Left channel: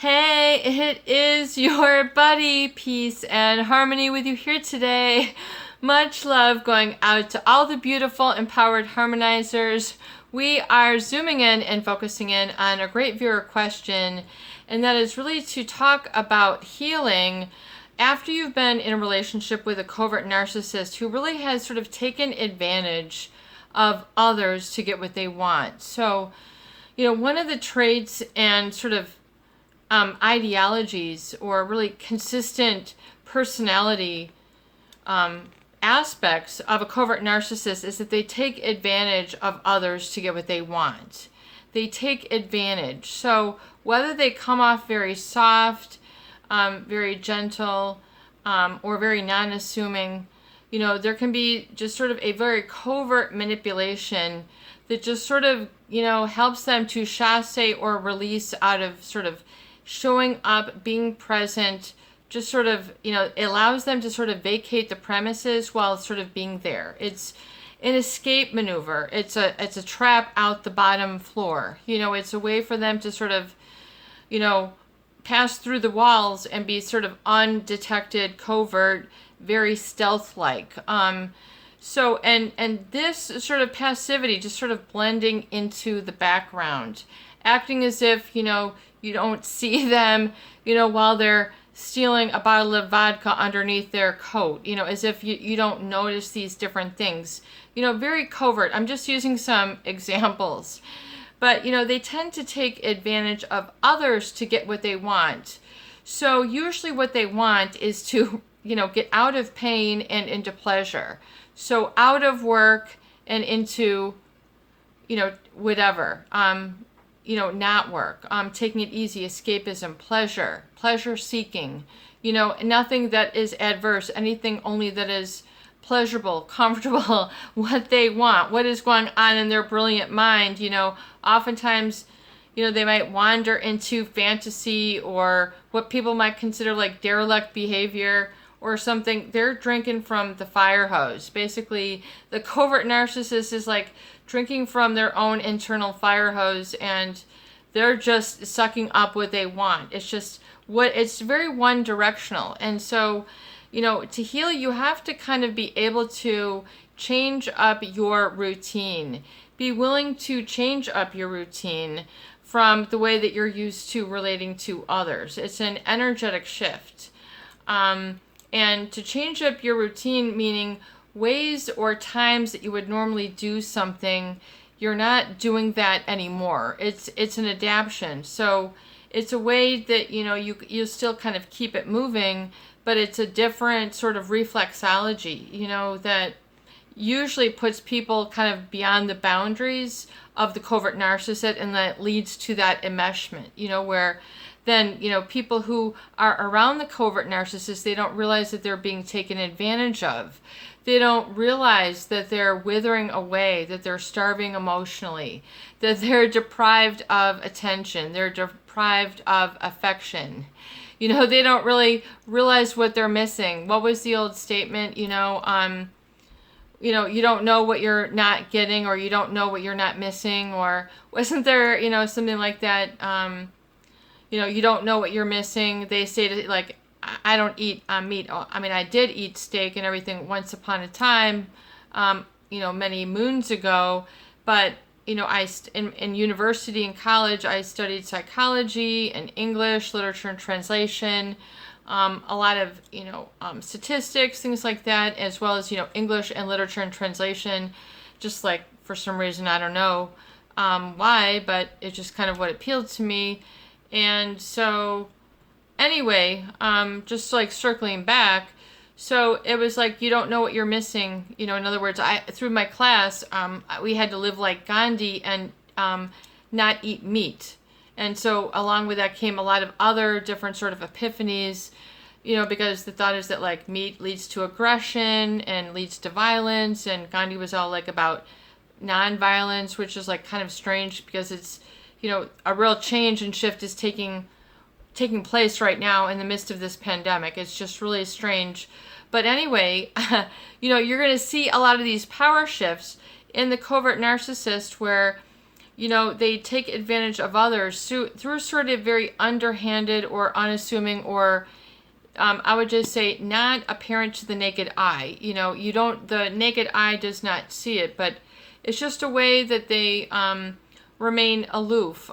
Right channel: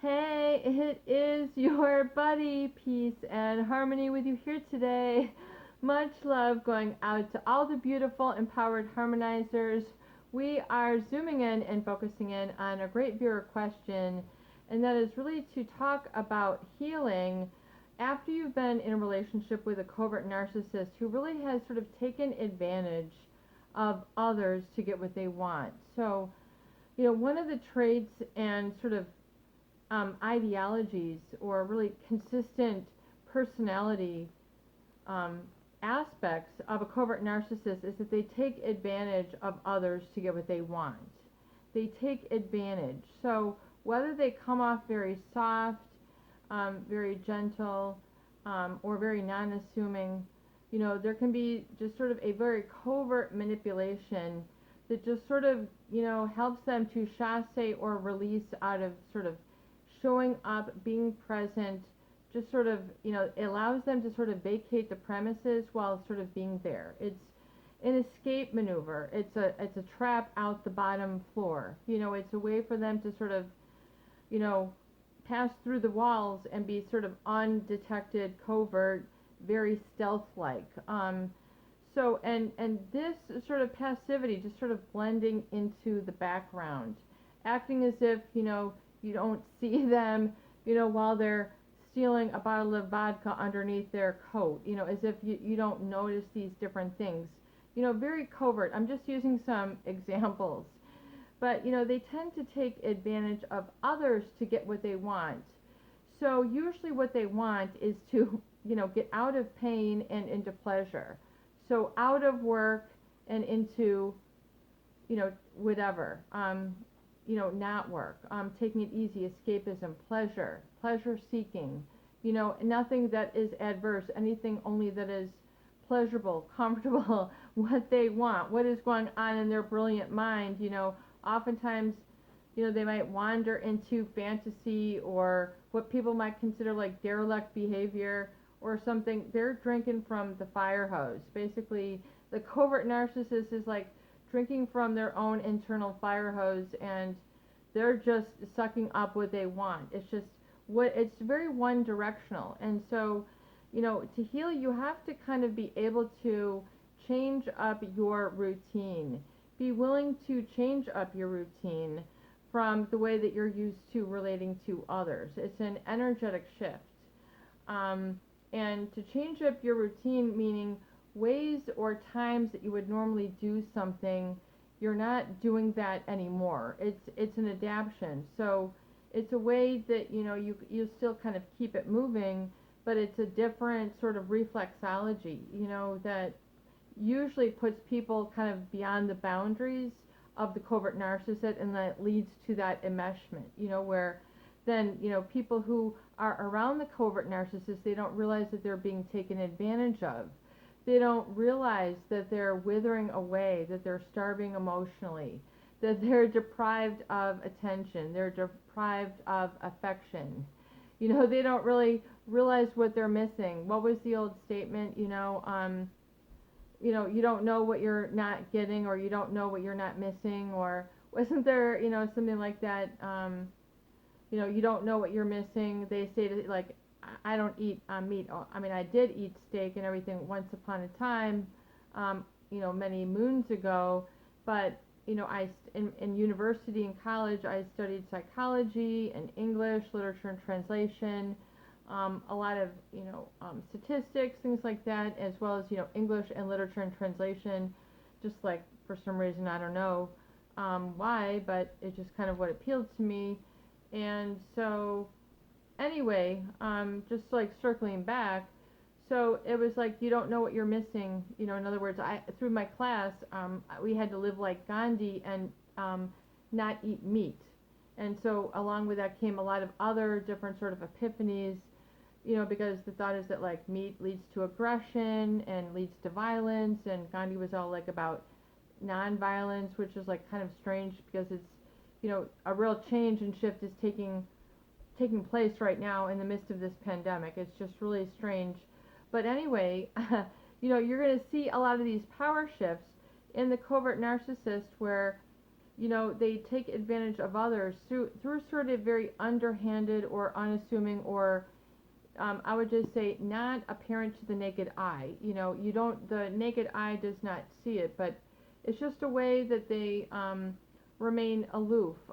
Hey, it is your buddy, Peace and Harmony with you here today. Much love going out to all the beautiful, empowered harmonizers. We are zooming in and focusing in on a great viewer question, and that is really to talk about healing after you've been in a relationship with a covert narcissist who really has sort of taken advantage of others to get what they want. So, one of the traits and sort of ideologies or really consistent personality aspects of a covert narcissist is that they take advantage of others to get what they want. They take advantage. So whether they come off very soft, very gentle, or very non-assuming, there can be just sort of a very covert manipulation that just sort of, helps them to chasse or release out of sort of showing up, being present, just sort of, it allows them to sort of vacate the premises while sort of being there. It's an escape maneuver. It's a trap out the bottom floor. It's a way for them to sort of, pass through the walls and be sort of undetected, covert, very stealth-like. So, and this sort of passivity, just sort of blending into the background, acting as if, you don't see them, while they're stealing a bottle of vodka underneath their coat, as if you don't notice these different things, very covert. I'm just using some examples, but, they tend to take advantage of others to get what they want. So usually what they want is to, get out of pain and into pleasure. So out of work and into, whatever, not work, taking it easy, escapism, pleasure seeking, nothing that is adverse, anything only that is pleasurable, comfortable, what they want, what is going on in their brilliant mind. Oftentimes, they might wander into fantasy or what people might consider like derelict behavior or something. They're drinking from the fire hose. Basically, the covert narcissist is like drinking from their own internal fire hose, and they're just sucking up what they want. It's very one directional. And so, to heal, you have to kind of be able to change up your routine. Be willing to change up your routine from the way that you're used to relating to others. It's an energetic shift. And to change up your routine, meaning ways or times that you would normally do something, you're not doing that anymore. It's an adaptation. So it's a way that, you still kind of keep it moving, but it's a different sort of reflexology, that usually puts people kind of beyond the boundaries of the covert narcissist, and that leads to that enmeshment, where then, people who are around the covert narcissist, they don't realize that they're being taken advantage of. They don't realize that they're withering away, that they're starving emotionally, that they're deprived of attention, they're deprived of affection. They don't really realize what they're missing. What was the old statement? You don't know what you're not getting, or you don't know what you're not missing, or wasn't there, something like that? You don't know what you're missing. They stated like, I don't eat meat. I mean, I did eat steak and everything once upon a time, many moons ago. But, in university and college, I studied psychology and English, literature and translation, a lot of, statistics, things like that, as well as, English and literature and translation, just like for some reason, I don't know why, but it's just kind of what appealed to me. And so anyway, just like circling back, so it was like, you don't know what you're missing. In other words, through my class, we had to live like Gandhi and not eat meat. And so along with that came a lot of other different sort of epiphanies, because the thought is that like meat leads to aggression and leads to violence. And Gandhi was all like about nonviolence, which is like kind of strange because it's, a real change and shift is taking place right now in the midst of this pandemic. It's just really strange. But anyway, you're going to see a lot of these power shifts in the covert narcissist where, they take advantage of others through sort of very underhanded or unassuming, or I would just say not apparent to the naked eye. The naked eye does not see it, but it's just a way that they remain aloof,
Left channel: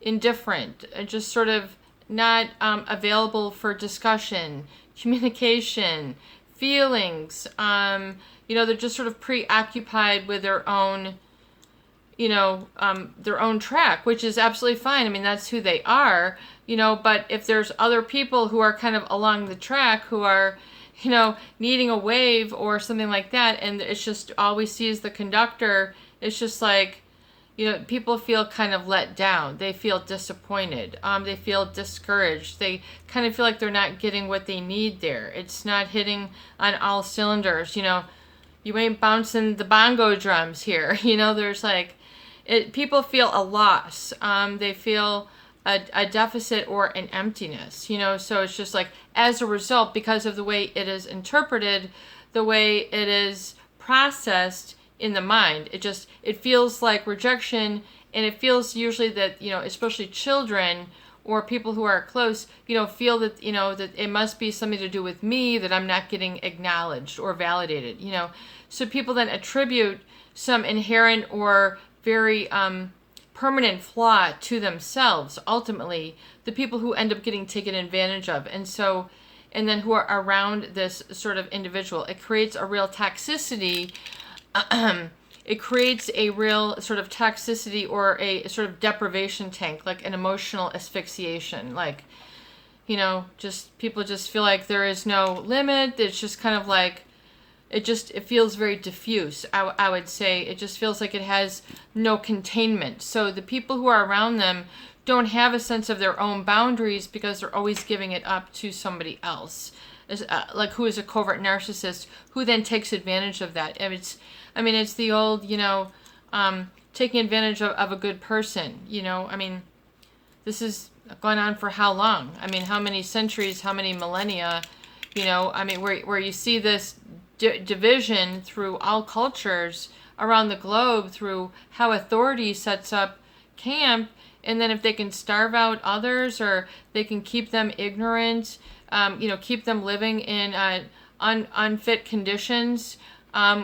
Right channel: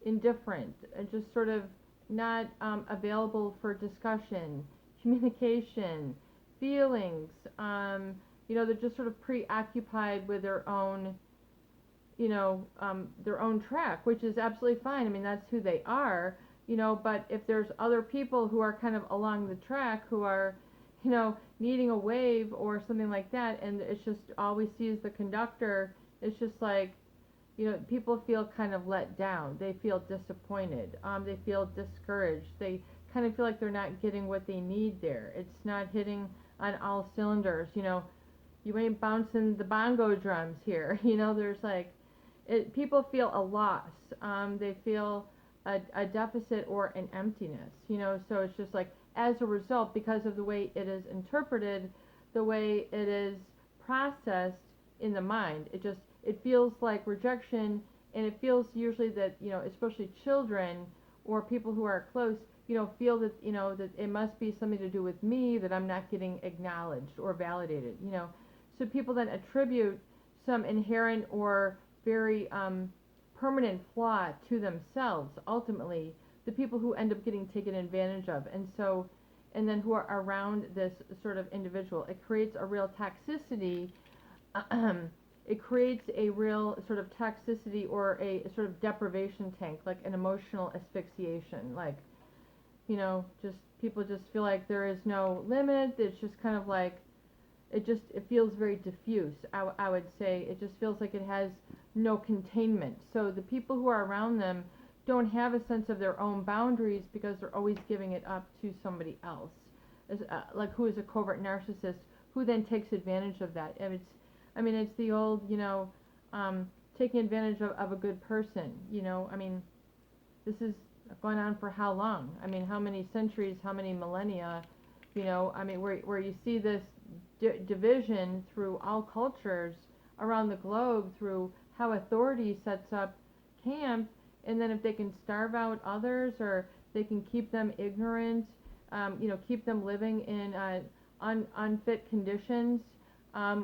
indifferent, and just sort of not available for discussion, communication, feelings. They're just sort of preoccupied with their own track, which is absolutely fine. I mean, that's who they are, but if there's other people who are kind of along the track who are, needing a wave or something like that, and it's just all we see is the conductor, it's just like, people feel kind of let down. They feel disappointed. They feel discouraged. They kind of feel like they're not getting what they need there. It's not hitting on all cylinders. You ain't bouncing the bongo drums here. There's like, people feel a loss. They feel a deficit or an emptiness, so it's just like, as a result, because of the way it is interpreted, the way it is processed in the mind, it feels like rejection, and it feels usually that, especially children or people who are close, feel that, that it must be something to do with me, that I'm not getting acknowledged or validated, so people then attribute some inherent or very permanent flaw to themselves, ultimately, the people who end up getting taken advantage of. And then who are around this sort of individual. It creates a real toxicity. It creates a real sort of toxicity or a sort of deprivation tank, like an emotional asphyxiation. Like, people just feel like there is no limit. It's just kind of like, it feels very diffuse, I would say. It just feels like it has no containment. So the people who are around them don't have a sense of their own boundaries because they're always giving it up to somebody else, like who is a covert narcissist, who then takes advantage of that. And it's the old, taking advantage of a good person. This has gone on for how long? How many centuries, how many millennia? Where you see this division through all cultures around the globe, through how authority sets up camp, and then if they can starve out others, or they can keep them ignorant, keep them living in unfit conditions,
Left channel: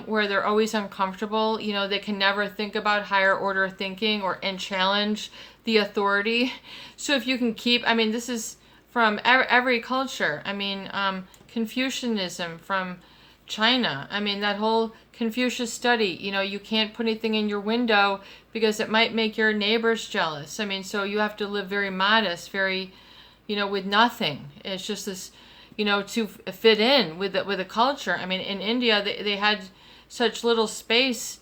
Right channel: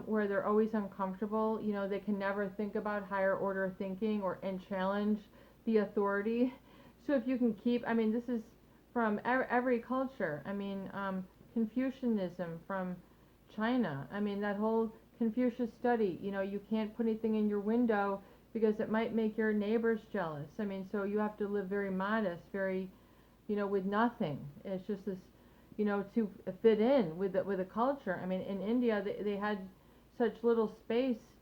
where they're always uncomfortable, they can never think about higher order thinking and challenge the authority. So if you can keep, this is from every culture. Confucianism from China. That whole Confucius study, you can't put anything in your window because it might make your neighbors jealous. So you have to live very modest, very, with nothing. It's just this, to fit in with the culture. In India, they had such little space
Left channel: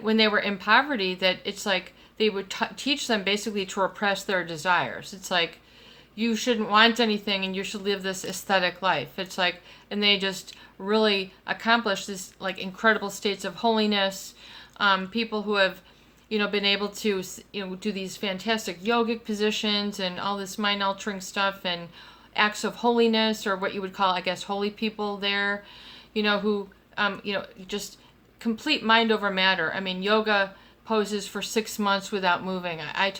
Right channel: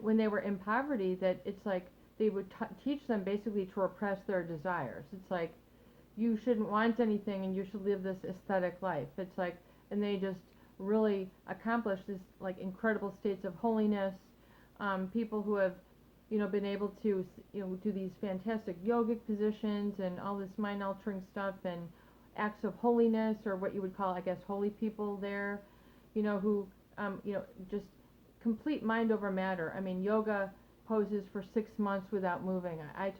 when they were in poverty that it's like they would teach them basically to repress their desires. It's like, you shouldn't want anything and you should live this aesthetic life. It's like, and they just really accomplish this like incredible states of holiness. People who have, been able to, do these fantastic yogic positions and all this mind altering stuff and acts of holiness, or what you would call, I guess, holy people there, who, just complete mind over matter. Yoga poses for 6 months without moving. I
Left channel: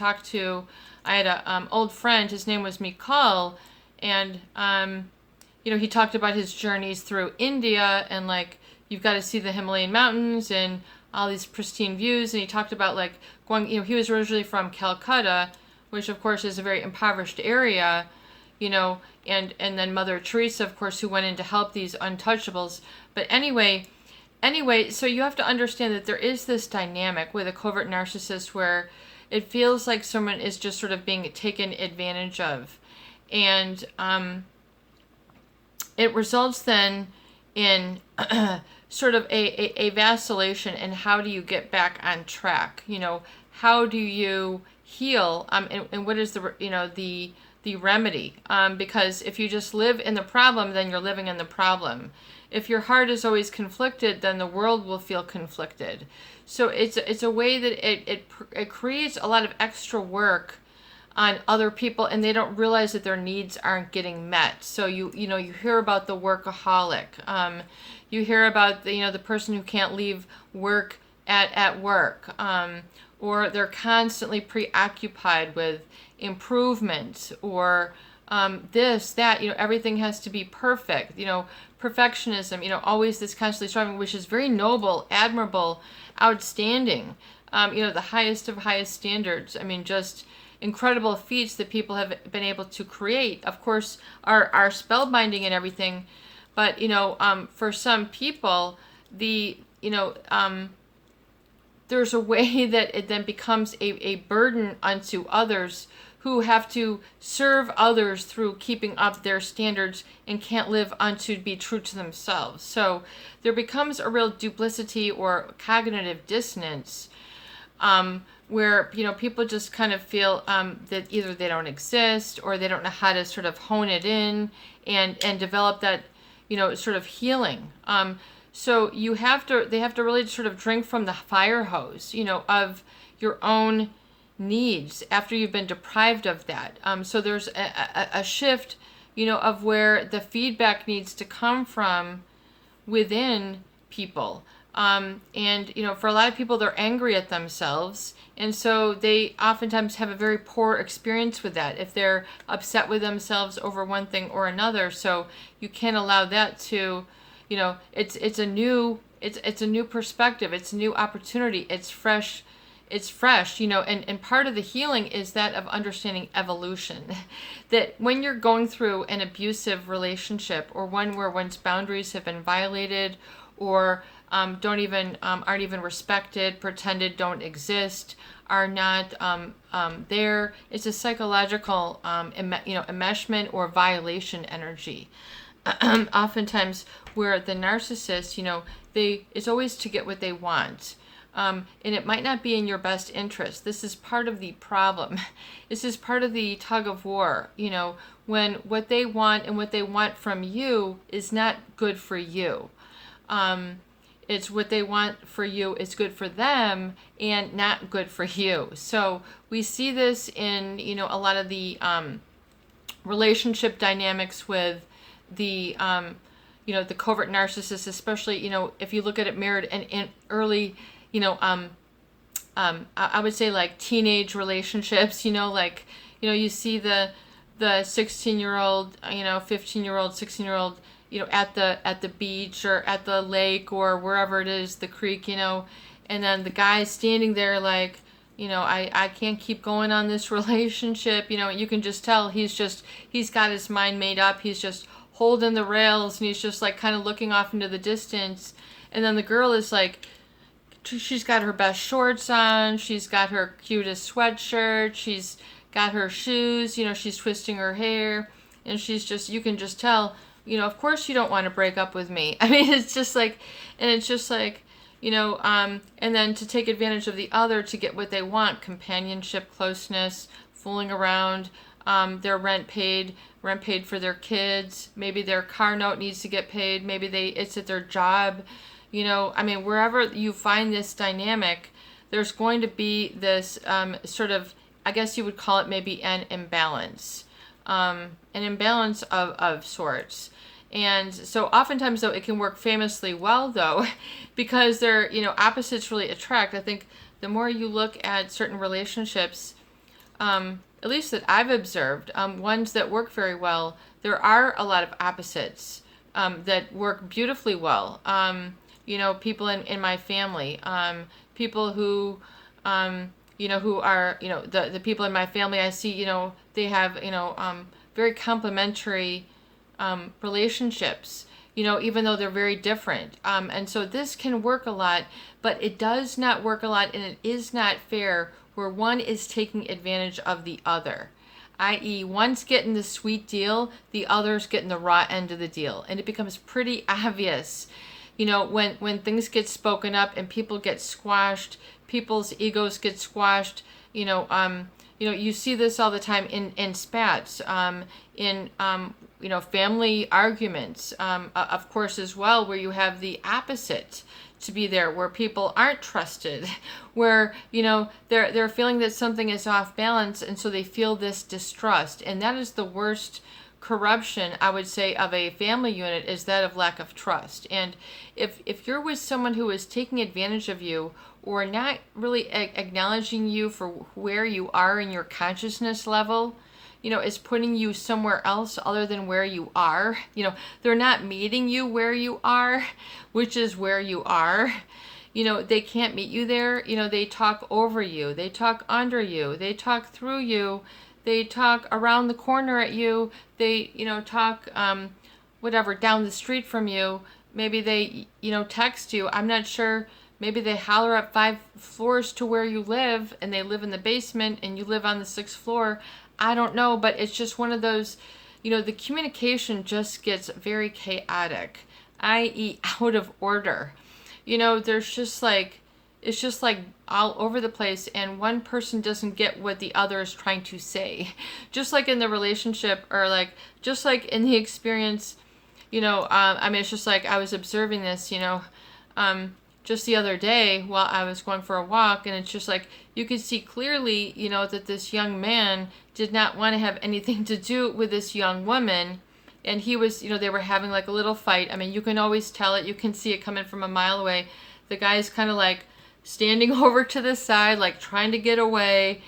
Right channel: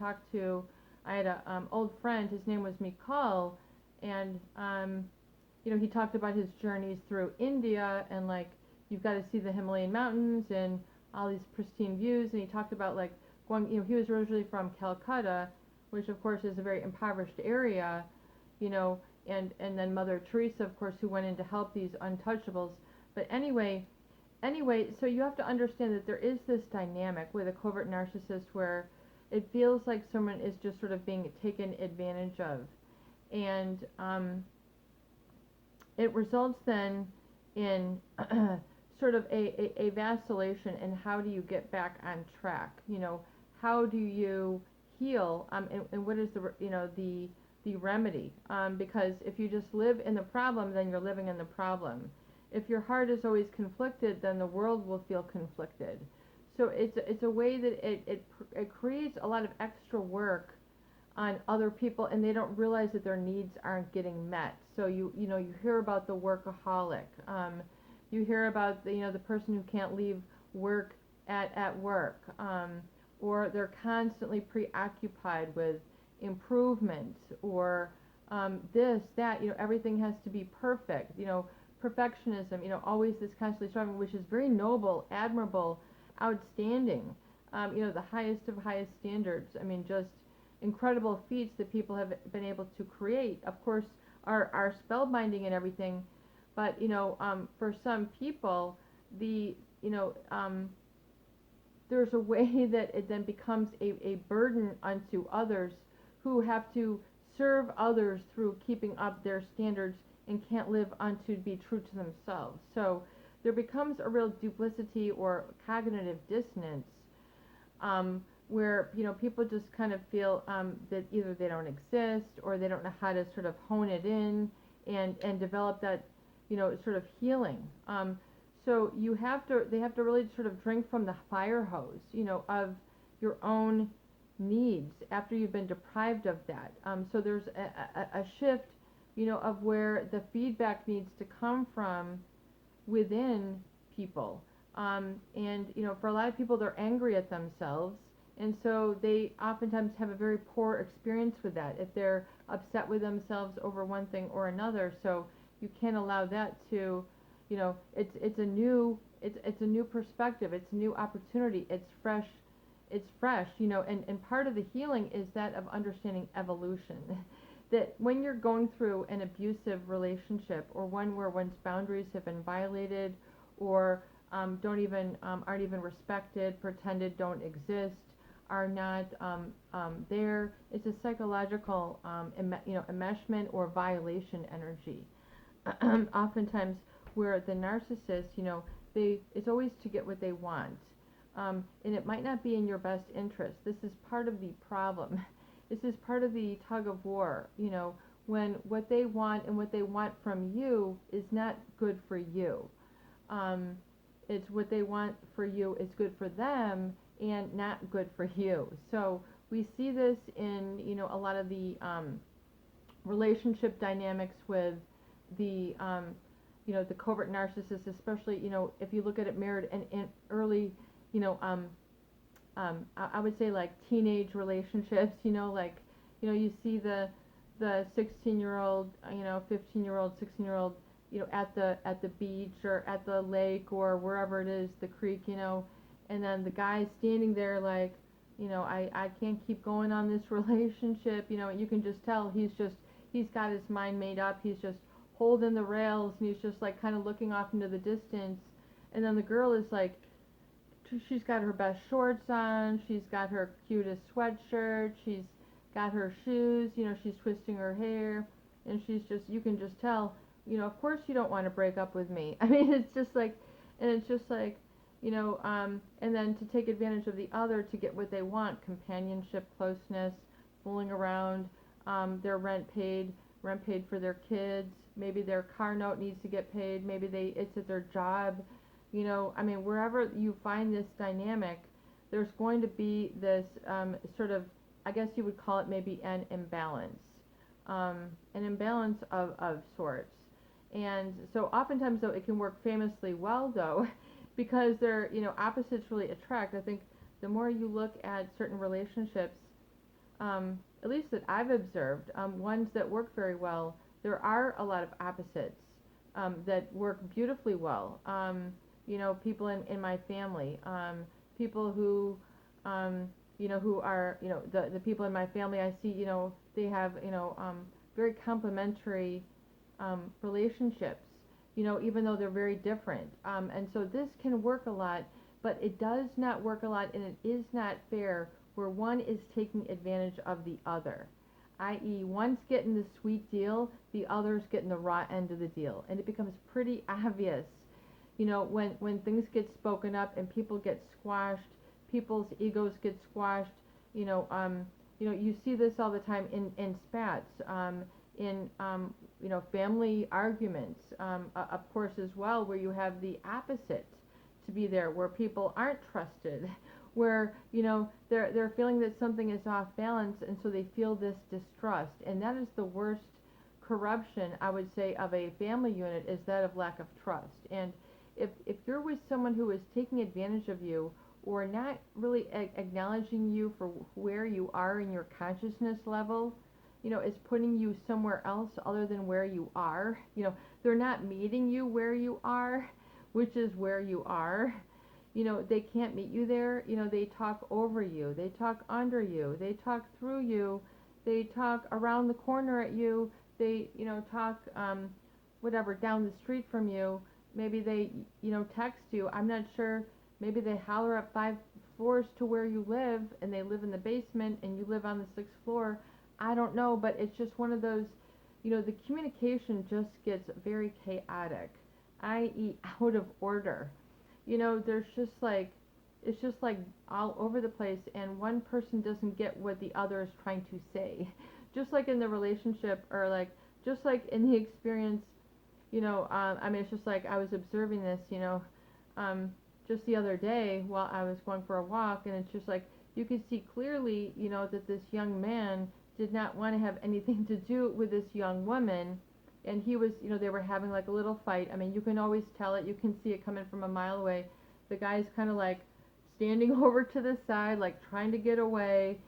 had a old friend, his name was Mikal, and he talked about his journeys through India, and like, you've got to see the Himalayan mountains and all these pristine views. And he talked about like going, he was originally from Calcutta, which of course is a very impoverished area, and then Mother Teresa, of course, who went in to help these untouchables. But anyway, so you have to understand that there is this dynamic with a covert narcissist where it feels like someone is just sort of being taken advantage of. And it results then in sort of a vacillation, and how do you get back on track? How do you heal? And what is the remedy? Because if you just live in the problem, then you're living in the problem. If your heart is always conflicted, then the world will feel conflicted. So it's a way that it creates a lot of extra work on other people, and they don't realize that their needs aren't getting met. So you hear about the workaholic. You hear about the person who can't leave work at work, or they're constantly preoccupied with improvement, or this, that, everything has to be perfect, perfectionism, always this constantly striving, which is very noble, admirable, outstanding, the highest of highest standards. I mean, just incredible feats that people have been able to create, of course, are spellbinding and everything. But, for some people, there's a way that it then becomes a burden unto others who have to serve others through keeping up their standards and can't live unto be true to themselves. So there becomes a real duplicity or cognitive dissonance, where people just kind of feel that either they don't exist, or they don't know how to sort of hone it in and develop that sort of healing. So they have to really sort of drink from the fire hose, of your own needs after you've been deprived of that. So there's a shift, of where the feedback needs to come from within people. And, for a lot of people, they're angry at themselves. And so they oftentimes have a very poor experience with that if they're upset with themselves over one thing or another. So you can't allow that to, it's a new perspective. It's a new opportunity. It's fresh, and part of the healing is that of understanding evolution. That when you're going through an abusive relationship, or one where one's boundaries have been violated, or aren't even respected, pretended don't exist, are not there, it's a psychological enmeshment or violation energy. Oftentimes, where the narcissist, it's always to get what they want. And it might not be in your best interest. This is part of the problem. This is part of the tug of war, when what they want and what they want from you is not good for you. It's what they want for you is good for them and not good for you. So we see this in, a lot of the relationship dynamics with the, the covert narcissists, especially, if you look at it mirrored in early, I would say like teenage relationships, you see the 16-year-old, 15-year-old, 16-year-old, at the beach or at the lake or wherever it is, the creek, and then the guy's standing there like, I can't keep going on this relationship, you can just tell he's got his mind made up, he's just holding the rails, and he's just like kind of looking off into the distance. And then the girl is like, she's got her best shorts on, she's got her cutest sweatshirt, she's got her shoes, she's twisting her hair, and you can just tell, of course you don't want to break up with me. I mean, it's just like, and then to take advantage of the other to get what they want, companionship, closeness, fooling around, their rent paid for their kids, maybe their car note needs to get paid, maybe it's at their job, wherever you find this dynamic, there's going to be this sort of, I guess you would call it maybe an imbalance of sorts. And so oftentimes, though, it can work famously well, though, because they're, opposites really attract. I think the more you look at certain relationships, at least that I've observed, ones that work very well, there are a lot of opposites that work beautifully well. People in my family, people who, who are, the people in my family I see, they have, very complementary relationships, even though they're very different. And so this can work a lot, but it does not work a lot, and it is not fair where one is taking advantage of the other, i.e. one's getting the sweet deal, the other's getting the raw end of the deal. And it becomes pretty obvious, when things get spoken up and people get squashed, people's egos get squashed, you see this all the time in spats, in family arguments, of course, as well, where you have the opposite to be there, where people aren't trusted, where they're feeling that something is off balance, and so they feel this distrust. And that is the worst corruption, I would say, of a family unit, is that of lack of trust. And if you're with someone who is taking advantage of you, or not really acknowledging you for where you are in your consciousness level, is putting you somewhere else other than where you are. They're not meeting you where you are, which is where you are. They can't meet you there. They talk over you. They talk under you. They talk through you. They talk around the corner at you. They, talk, whatever, down the street from you. Maybe they, text you. I'm not sure. Maybe they holler up 5 floors to where you live, and they live in the basement and you live on the 6th floor. I don't know, but it's just one of those, the communication just gets very chaotic, i.e. out of order. There's just like, it's just like all over the place, and one person doesn't get what the other is trying to say. Just like in the relationship, or like, just like in the experience, it's just like I was observing this, just the other day while I was going for a walk, and it's just like you could see clearly, that this young man did not want to have anything to do with this young woman, and he was, they were having like a little fight. You can always tell it. You can see it coming from a mile away. The guy's kind of like standing over to the side, like trying to get away,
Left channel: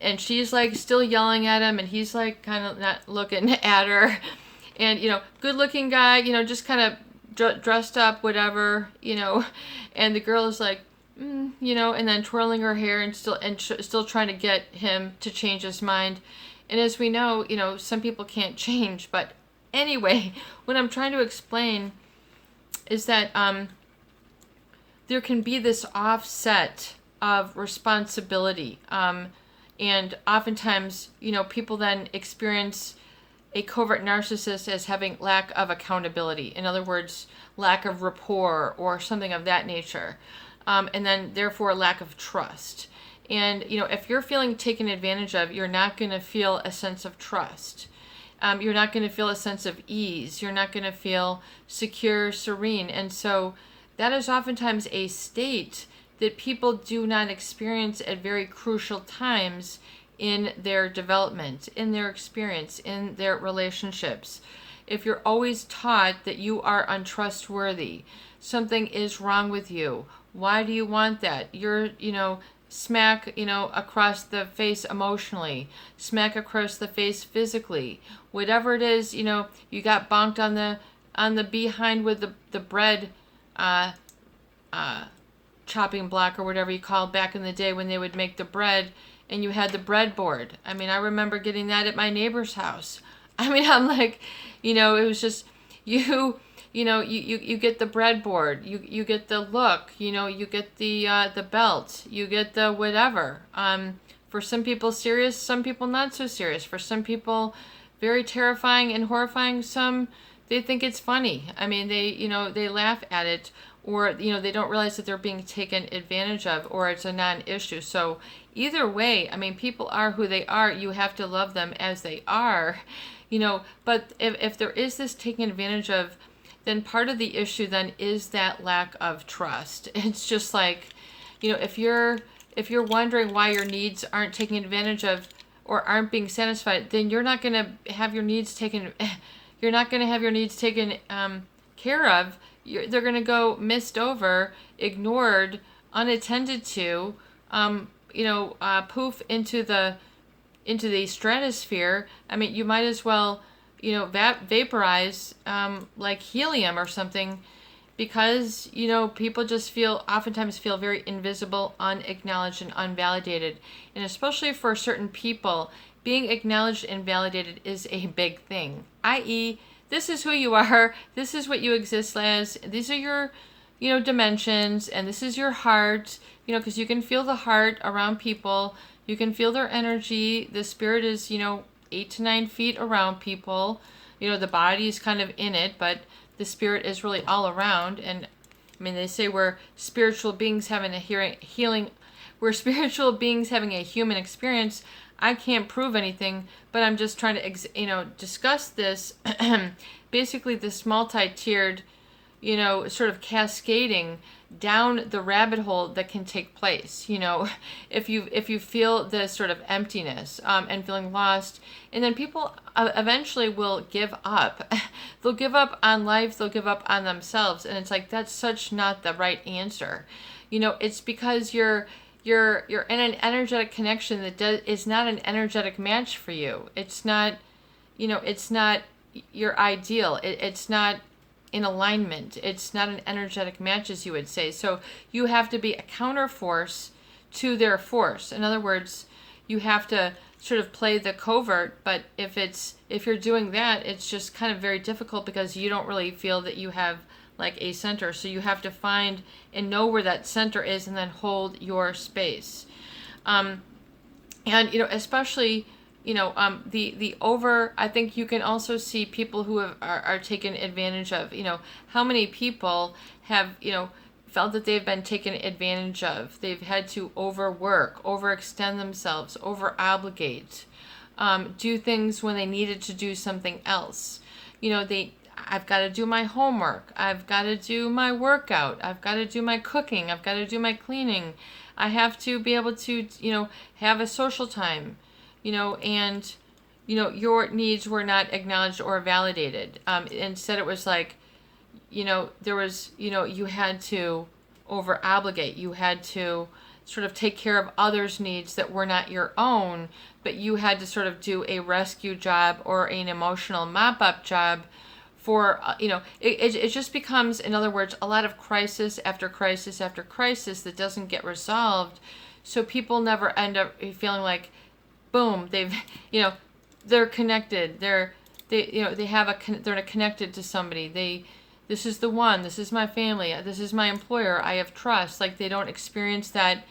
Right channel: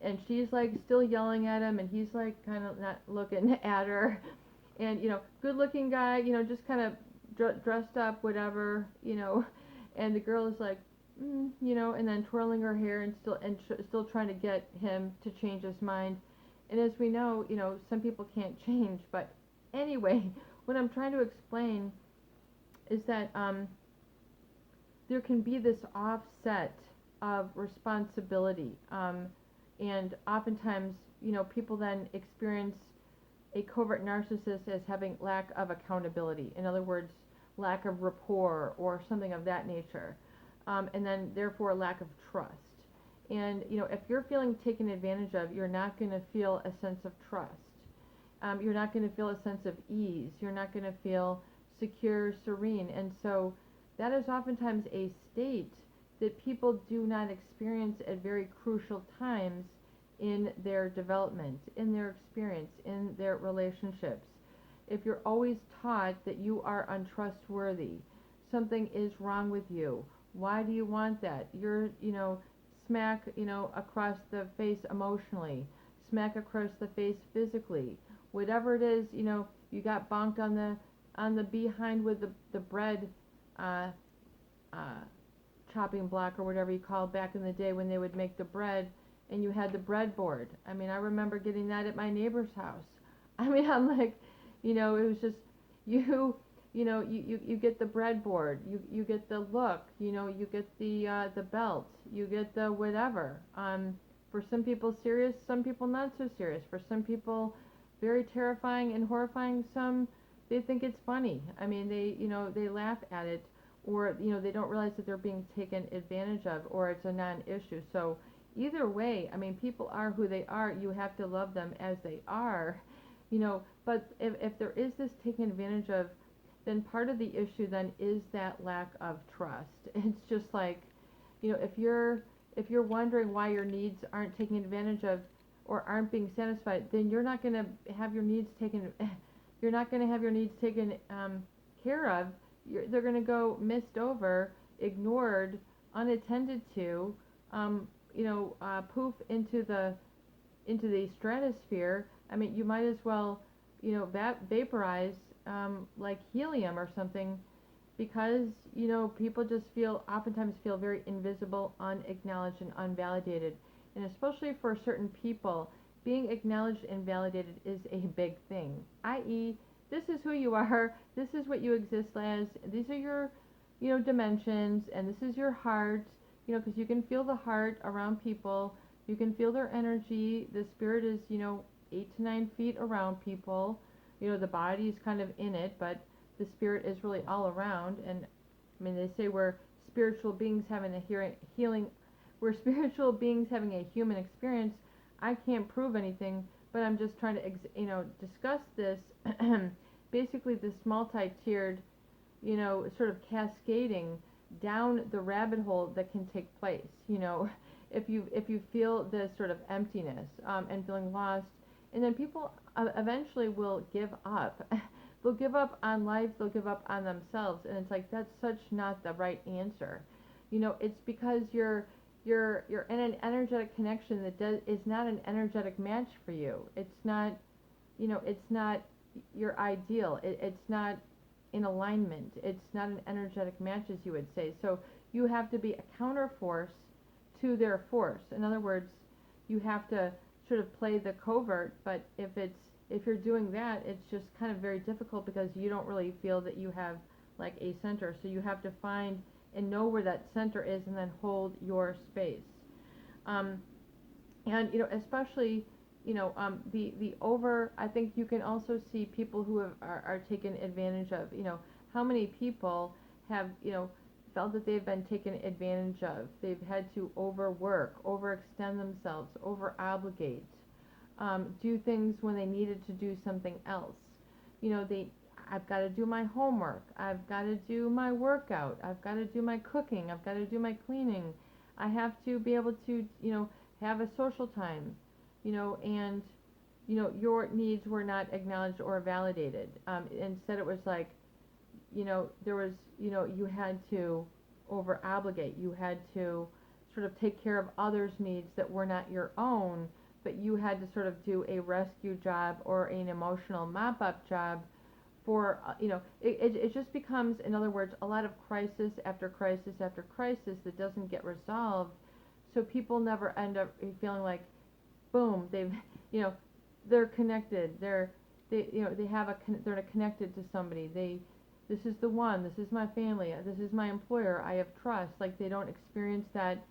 and she's like still yelling at him, and he's like kind of not looking at her, and good looking guy, just kind of dressed up, whatever, and the girl is like, and then twirling her hair and still trying to get him to change his mind. And as we know, some people can't change. But anyway, what I'm trying to explain is that there can be this offset of responsibility, and oftentimes, people then experience a covert narcissist as having lack of accountability. In other words, lack of rapport or something of that nature. And then therefore lack of trust. And, if you're feeling taken advantage of, you're not going to feel a sense of trust. You're not going to feel a sense of ease. You're not going to feel secure, serene. And so that is oftentimes a state that people do not experience at very crucial times in their development, in their experience, in their relationships. If you're always taught that you are untrustworthy, something is wrong with you, why do you want that? You're, smack, across the face emotionally, smack across the face physically, whatever it is, you got bonked on the behind with the bread chopping block, or whatever you called back in the day when they would make the bread, and you had the breadboard. I remember getting that at my neighbor's house. I'm like, it was just, you get the breadboard, you get the look, you get the belt, you get the whatever. For some people serious, some people not so serious. For some people very terrifying and horrifying. Some, they think it's funny. They laugh at it, or they don't realize that they're being taken advantage of, or it's a non-issue. So either way, people are who they are. You have to love them as they are, but if there is this taking advantage of, then part of the issue then is that lack of trust. It's just like, if you're wondering why your needs aren't taken advantage of or aren't being satisfied, then you're not going to have your needs taken care of. They're going to go missed over, ignored, unattended to, poof into the stratosphere. You might as well, vaporize like helium or something, because people just oftentimes feel very invisible, unacknowledged, and unvalidated. And especially for certain people, being acknowledged and validated is a big thing, i.e. this is who you are, this is what you exist as, these are your dimensions, and this is your heart, because you can feel the heart around people, you can feel their energy. The spirit is 8 to 9 feet around people. The body is kind of in it, but the spirit is really all around. And they say we're spiritual beings having a we're spiritual beings having a human experience. I can't prove anything, but I'm just trying to discuss this. Basically this multi-tiered, sort of cascading down the rabbit hole that can take place. If you feel this sort of emptiness and feeling lost, and then people eventually will give up. They'll give up on life, they'll give up on themselves, and it's like, that's such not the right answer. It's because you're in an energetic connection that is not an energetic match for you. It's not, it's not your ideal. It's not in alignment. It's not an energetic match, as you would say. So you have to be a counter force to their force. In other words, you have to sort of play the covert, but if you're doing that, it's just kind of very difficult because you don't really feel that you have like a center. So you have to find and know where that center is and then hold your space. And especially the over, I think you can also see people who are taken advantage of. How many people have felt that they've been taken advantage of. They've had to overwork, overextend themselves, over obligate, do things when they needed to do something else. I've got to do my homework. I've got to do my workout. I've got to do my cooking. I've got to do my cleaning. I have to be able to, have a social time, and, your needs were not acknowledged or validated. Instead, it was like, there was, you had to over obligate. You had to sort of take care of others' needs that were not your own, but you had to sort of do a rescue job or an emotional mop-up job for, it just becomes, in other words, a lot of crisis after crisis after crisis that doesn't get resolved. So people never end up feeling like, boom, they've, they're connected. They're connected to somebody. This is the one, this is my family, this is my employer, I have trust. Like they don't experience that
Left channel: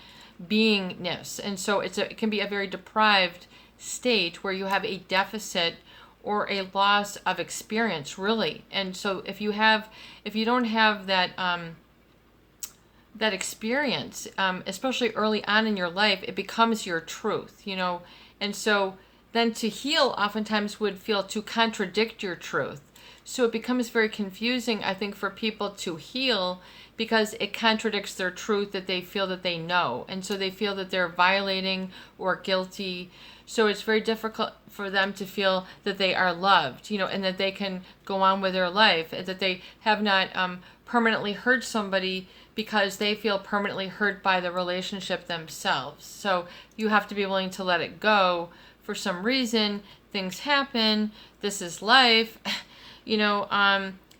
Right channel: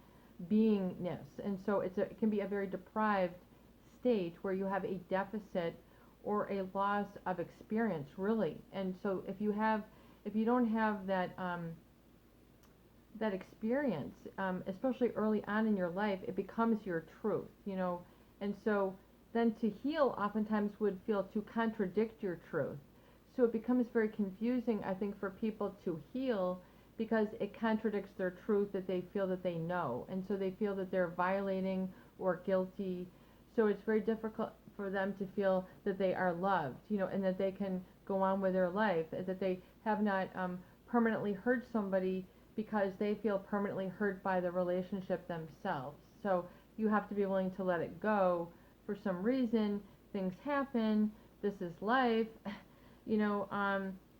beingness. And so it can be a very deprived state where you have a deficit or a loss of experience, really. And so if you don't have that that experience, especially early on in your life, it becomes your truth, And so then to heal oftentimes would feel to contradict your truth. So it becomes very confusing, I think, for people to heal because it contradicts their truth that they feel that they know. And so they feel that they're violating or guilty. So it's very difficult for them to feel that they are loved, and that they can go on with their life, and that they have not permanently hurt somebody because they feel permanently hurt by the relationship themselves. So you have to be willing to let it go. For some reason, things happen. This is life.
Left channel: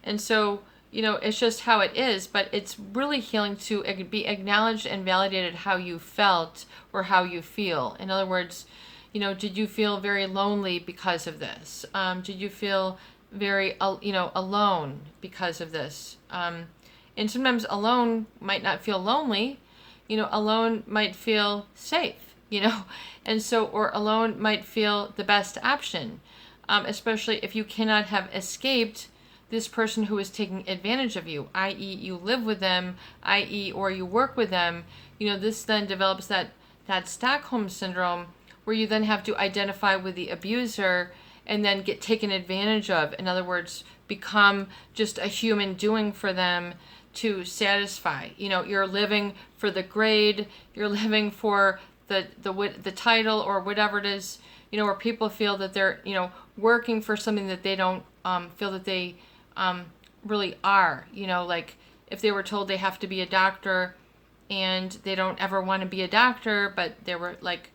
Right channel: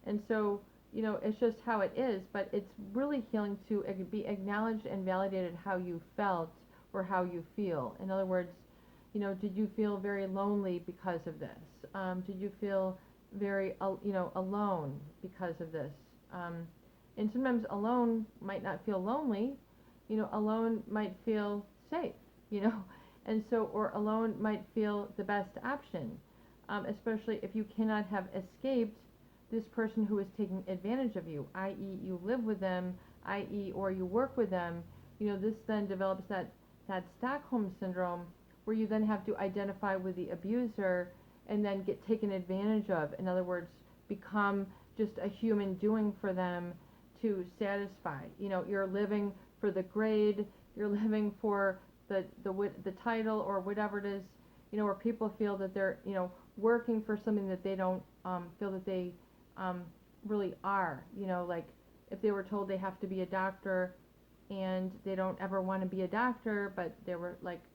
And so, it's just how it is, but it's really healing to be acknowledged and validated how you felt or how you feel. In other words, did you feel very lonely because of this? Did you feel very, alone because of this? And sometimes alone might not feel lonely, alone might feel safe, and so, or alone might feel the best option. Especially if you cannot have escaped this person who is taking advantage of you, i.e. you live with them, i.e. or you work with them, this then develops that Stockholm syndrome where you then have to identify with the abuser and then get taken advantage of. In other words, become just a human doing for them to satisfy. You're living for the grade, you're living for the title or whatever it is, where people feel that they're, working for something that they don't feel that they really are. Like if they were told they have to be a doctor and they don't ever want to be a doctor, but they were like,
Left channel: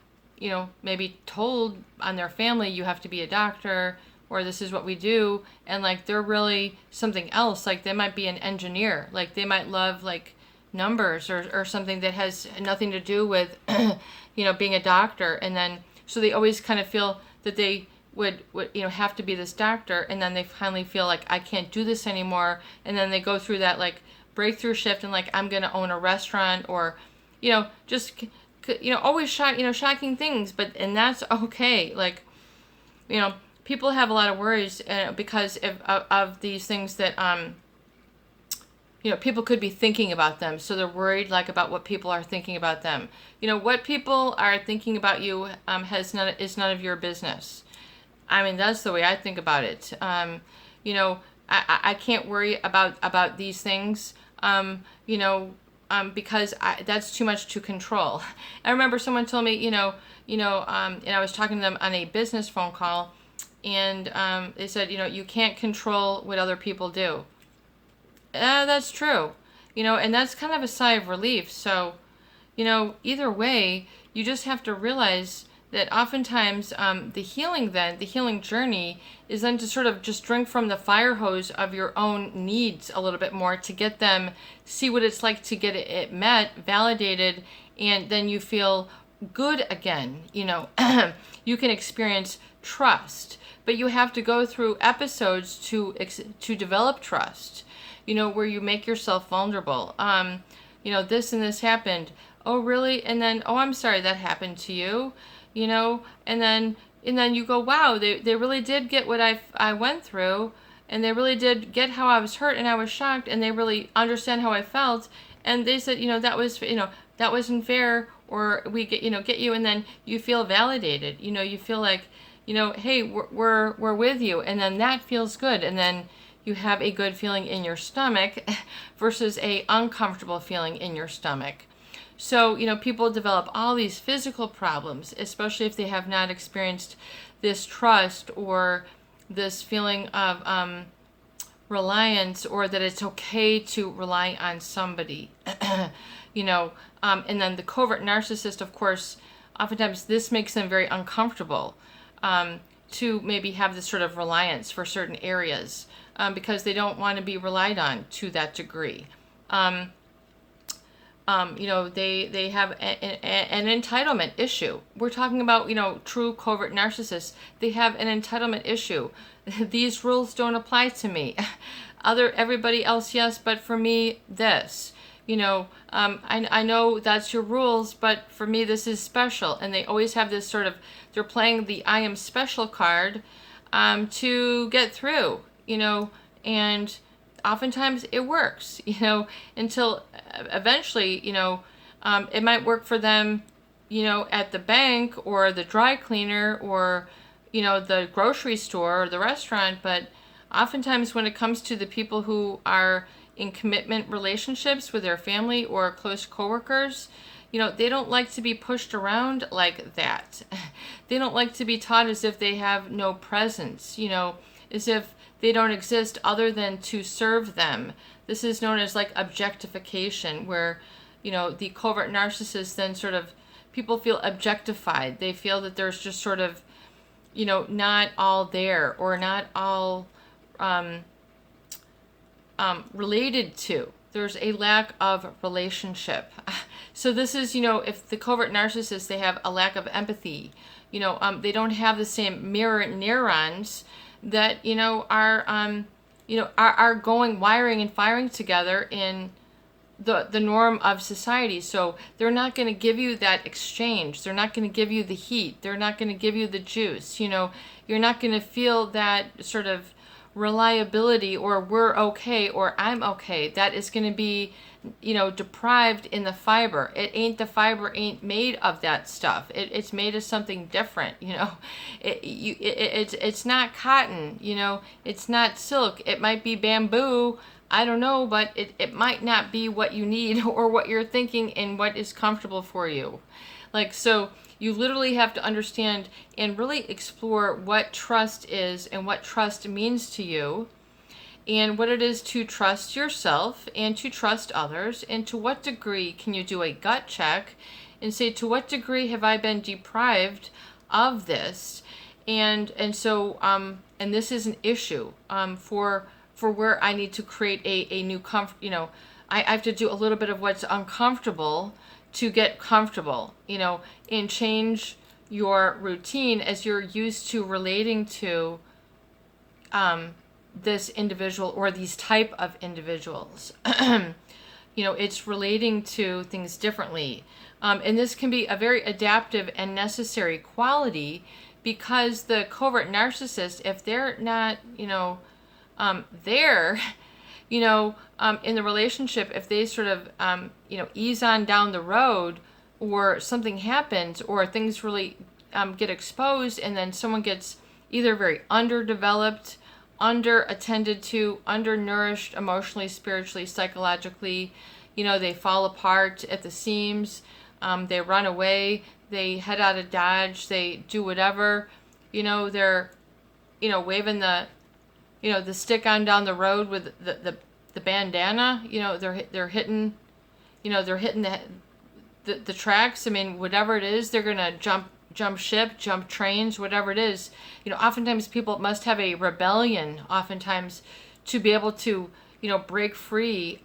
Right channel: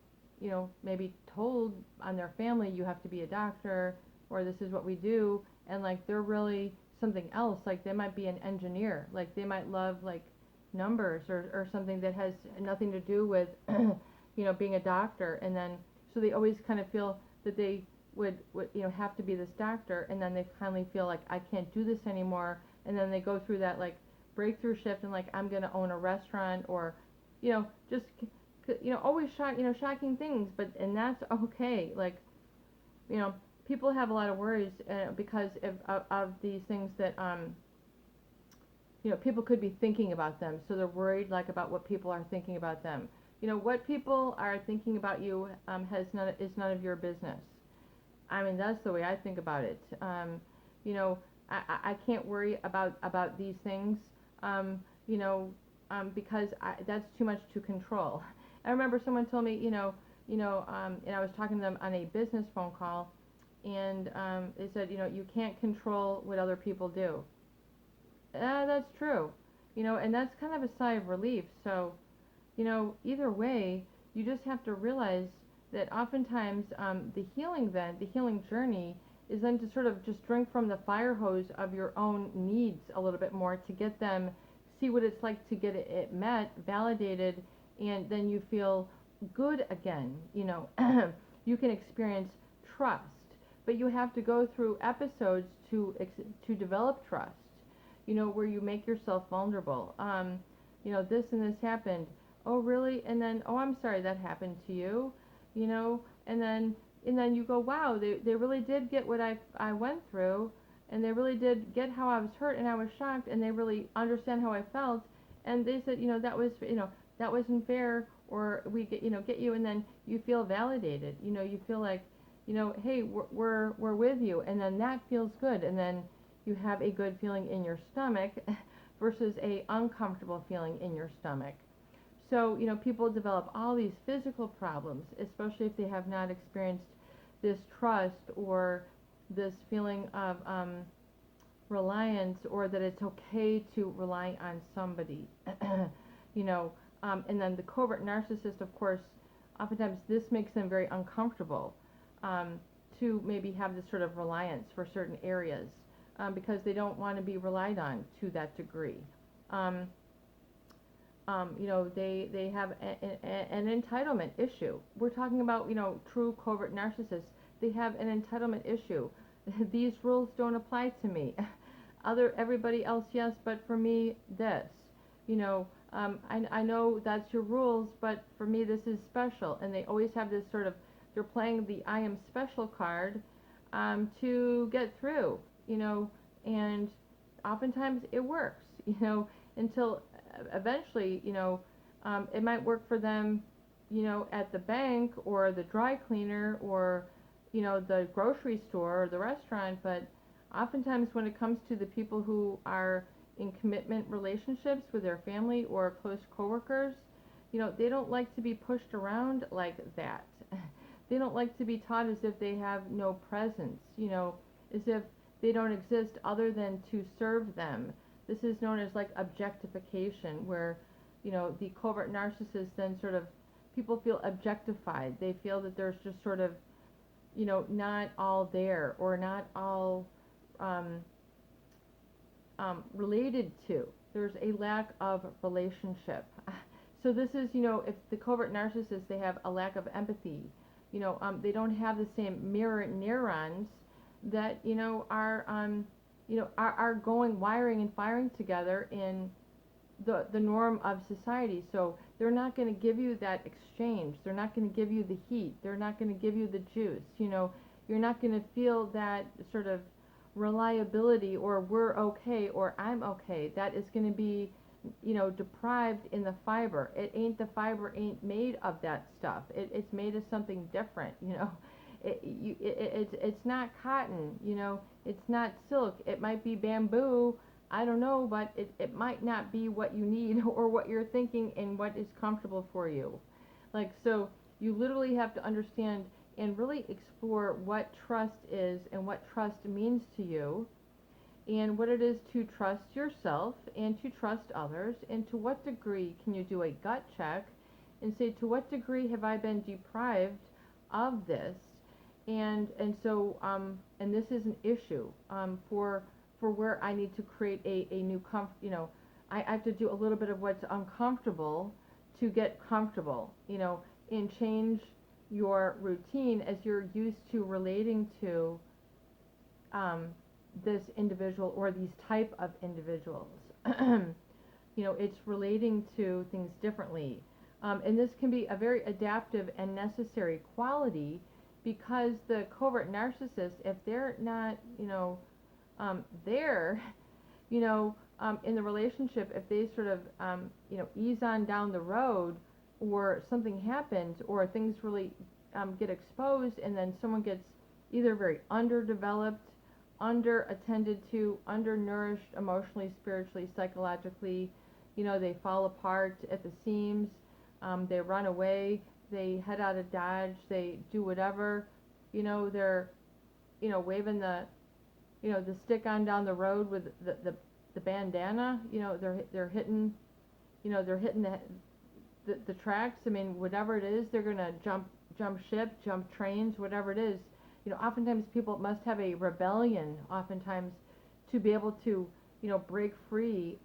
maybe told on their family, you have to be a doctor, or this is what we do. And like, they're really something else. Like they might be an engineer, like they might love like numbers or something that has nothing to do with, being a doctor. And then, so they always kind of feel that they would have to be this doctor, and then they finally feel like I can't do this anymore, and then they go through that like breakthrough shift and like I'm gonna own a restaurant, or just always shocking things, and that's okay. Like people have a lot of worries because of these things that people could be thinking about them, so they're worried like about what people are thinking about them. What people are thinking about you is none of your business. I mean, that's the way I think about it. I can't worry about these things, because that's too much to control. I remember someone told me, and I was talking to them on a business phone call, and they said, you can't control what other people do. That's true. and that's kind of a sigh of relief. So, either way, you just have to realize that oftentimes the healing journey is then to sort of just drink from the fire hose of your own needs a little bit more to get them, see what it's like to get it met, validated, and then you feel good again. You can experience trust, but you have to go through episodes to develop trust, where you make yourself vulnerable. This and this happened. Oh, really? And then, oh, I'm sorry that happened to you, and then you go, wow, they really did get what I went through, and they really did get how I was hurt and I was shocked, and they really understand how I felt, and they said, that wasn't fair, or we get you, and then you feel validated, you feel like, hey, we're with you, and then that feels good, and then you have a good feeling in your stomach versus a uncomfortable feeling in your stomach. So, people develop all these physical problems, especially if they have not experienced this trust or this feeling of reliance, or that it's okay to rely on somebody. And then the covert narcissist, of course, oftentimes this makes them very uncomfortable to maybe have this sort of reliance for certain areas because they don't want to be relied on to that degree. They have an entitlement issue. We're talking about, true covert narcissists. They have an entitlement issue. These rules don't apply to me. Everybody else, yes, but for me, this. I know that's your rules, but for me, this is special. And they always have this sort of, they're playing the I am special card to get through, and oftentimes it works, until eventually, it might work for them, at the bank or the dry cleaner or, the grocery store or the restaurant. But oftentimes when it comes to the people who are in commitment relationships with their family or close coworkers, they don't like to be pushed around like that. They don't like to be taught as if they have no presence, as if they don't exist other than to serve them. This is known as like objectification, where, the covert narcissist then sort of, people feel objectified. They feel that there's just sort of, not all there, or not all related to. There's a lack of relationship. So this is, if the covert narcissist, they have a lack of empathy, they don't have the same mirror neurons that, are going, wiring and firing together in the norm of society. So they're not going to give you that exchange. They're not going to give you the heat. They're not going to give you the juice. You're not going to feel that sort of reliability, or we're okay, or I'm okay. That is going to be, deprived in the fiber. The fiber ain't made of that stuff. It's made of something different, It's not cotton, it's not silk. It might be bamboo, I don't know, but it might not be what you need or what you're thinking and what is comfortable for you. So you literally have to understand and really explore what trust is and what trust means to you, and what it is to trust yourself and to trust others, and to what degree can you do a gut check and say, to what degree have I been deprived of this? And so and this is an issue for where I need to create a new comfort. I have to do a little bit of what's uncomfortable to get comfortable, and change your routine as you're used to relating to this individual or these type of individuals. It's relating to things differently. And this can be a very adaptive and necessary quality, because the covert narcissist, if they're not, there, in the relationship, if they sort of, ease on down the road, or something happens, or things really get exposed, and then someone gets either very underdeveloped, under-attended to, undernourished emotionally, spiritually, psychologically, they fall apart at the seams, they run away, they head out of Dodge, they do whatever, they're, waving the, the stick on down the road with the the bandana, they're hitting, they're hitting the tracks. I mean, whatever it is, they're gonna jump ship, jump trains, whatever it is. Oftentimes people must have a rebellion, oftentimes, to be able to, break free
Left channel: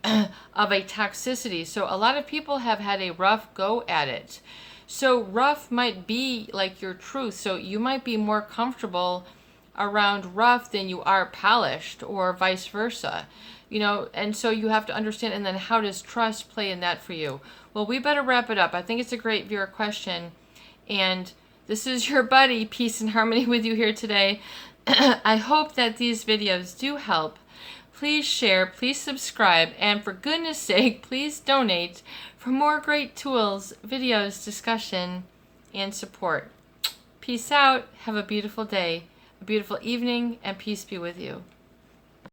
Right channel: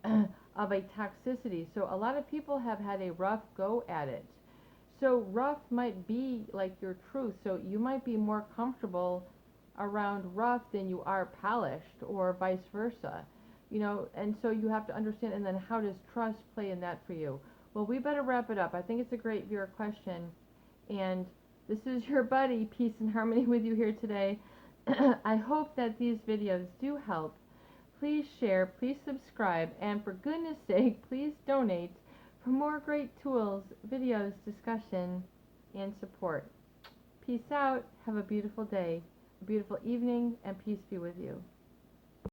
of a toxicity. So a lot of people have had a rough go at it. So rough might be like your truth. So you might be more comfortable around rough than you are polished, or vice versa. And so you have to understand. And then how does trust play in that for you? Well, we better wrap it up. I think it's a great viewer question. And this is your buddy, Peace and Harmony, with you here today. I hope that these videos do help. Please share, please subscribe, and for goodness sake, please donate for more great tools, videos, discussion, and support. Peace out. Have a beautiful day, a beautiful evening, and peace be with you.